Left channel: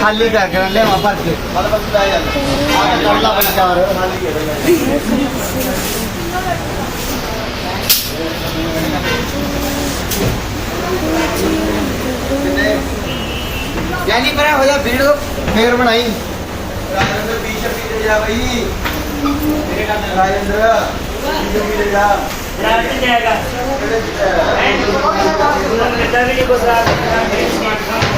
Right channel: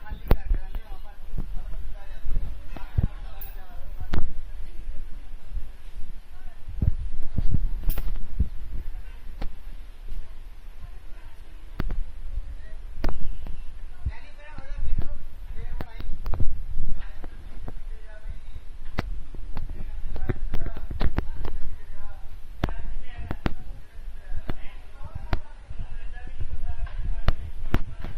ಖಾಲಿ ಕರಕರಲ್ಲೇ ವಾಪಸ್ ಬಂದವರು यानी पर हो जा भीड़ फिर बनाई राजेंद्र बीच पीछे जा भाई मेरे का राजेंद्र पीछे पीछे जा राजेंद्र जाएगा राजेंद्र जाएगा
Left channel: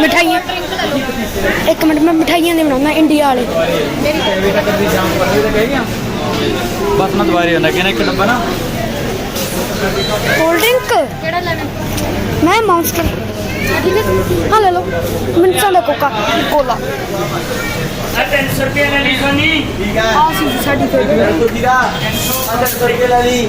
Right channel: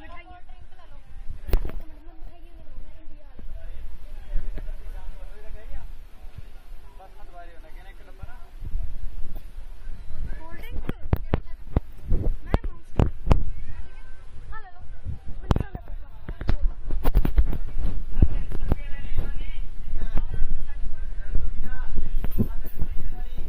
ਮਠਾਈਆਂ। ਇੱਕ ਮਿੰਟ ਮੈਂ ਮਠਾਈਆਂ ਦੇ ਬਣਾਉਣਾ ਇੰਡੀਆ ਵਾਲੇ। ਬਸ ਨਾ ਦੁਬਾਰੇ ਹੁੰਦਾ ਕਿਹਨੇ ਇੱਕ ਡੱਬਾ ਨਾ। Cold drink? ਕਿਹੜਾ ਲੈਣਾ? ਮੈਂ ਮੌਂਸਟਰ ਹਾਂ ਲੈ ਲਓ ਮੈਨੂੰ ਸਾਡਾ ਕੋਕਾ ਕੋਲਾ। ਆ 300 ਰੁਪਏ ਲੈ ਲਈ ਆ ਸੀ ਸਾਡੀ ਫੇਵਰੇਟ 300 ਰੁਪਏ ਲੈ ਲਈ।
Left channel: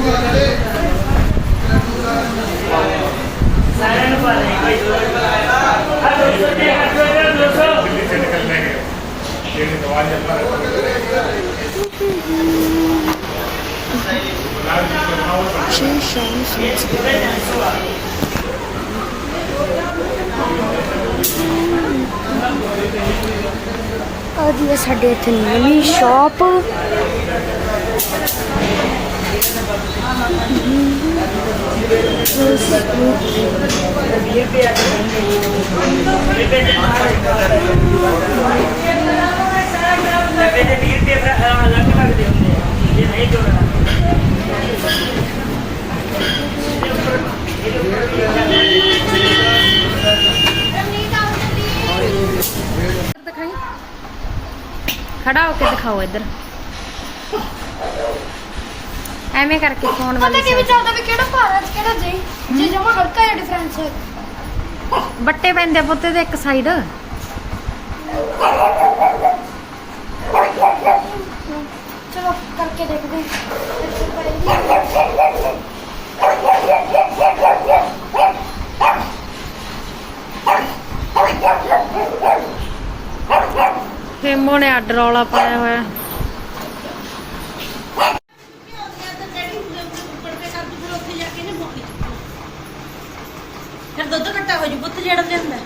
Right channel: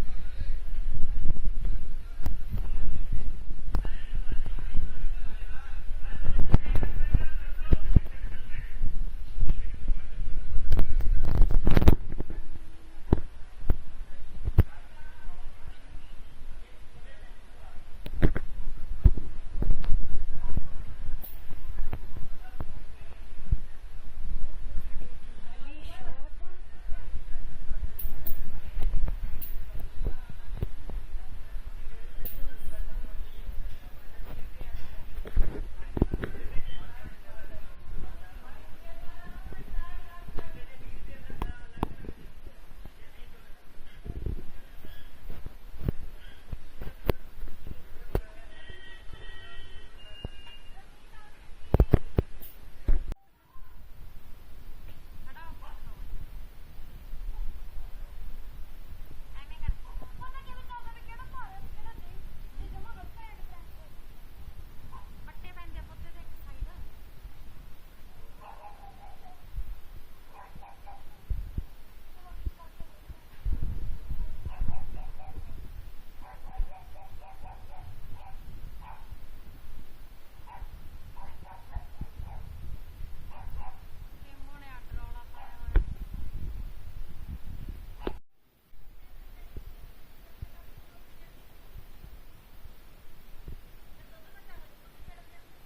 श्री साढ़े इतनी शॉप खड़ा होके दिखाओ इधर। ਐਵੇਂ ਕਰਕੇ ਫੋਨ ਪਤਾ ਵਾਲੀ ਕਿ ਵੀ side। ਚੱਲਦਾ ਵੀ ਕਿਹੜਾ ਭਾਰਤ ਕਿਹੜਾ ਜੇ ਜੇ ਜਮਾ ਹਲਕਾ ਜਿਹਾ ਡਿਫਰੈਂਸ ਹੈ ਬੱਟੇ ਪੈਂਦੇ ਆ ਪੁੱਤੇ ਦੇ ਇੱਕ ਸਾਈਡ ਚਲੋ ਕਰਕੇ ਦੇਖਦੇ ਹਾਂ ਫੇਮੋ ਨੇ ਅੱਡ ਰੌਲਾ ਪਾਇਆ ਹੋਇਆ ਫਿਰ ਦੁੱਧ ਘੱਟਾ ਹੋ ਜੂ ਪੁੱਤ ਜਿਹੜਾ ਲਿਆਂਦਾ।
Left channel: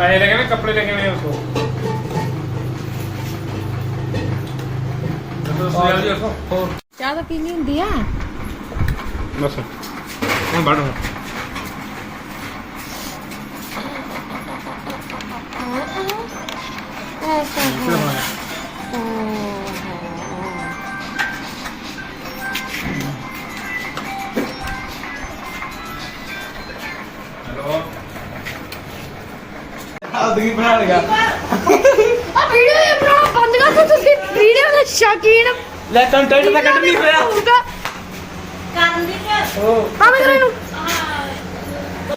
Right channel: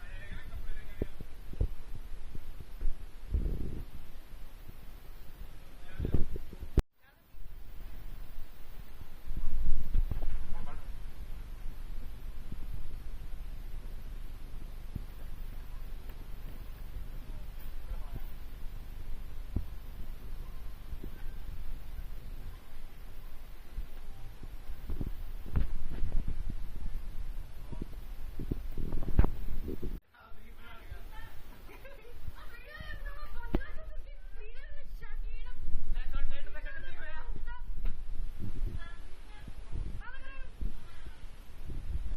पैसे लगे हुए कपड़े लगे हुए हैं उसको तो उसको जल्दी उसको और ਚਾਹ ਤਾਂ ਪੀਣੀ ਹੁੰਦੀ ਆ बस मैं बढ़ रहा ਸਾਦਗੀ ਬਣਾ ਲਿਆ ਆ ਵੀਡੀਓ ਇਹ ਬਣਾਉਣਾ ਬੰਦ ਕਰ ਦਿਓ ਤੁਸੀਂ। ਵੀਡੀਓ ਦੇ ਸ਼ੌਕੀਨ। ਲੈ ਕੰਟੈਂਟ ਤਾਂ ਕੱਢ ਨਹੀਂ ਹੋਇਆ। ਕਰਨ ਦੀ ਹਾਂ ਮੈਂ ਕਰਾਂ ਇਹਨੂੰ।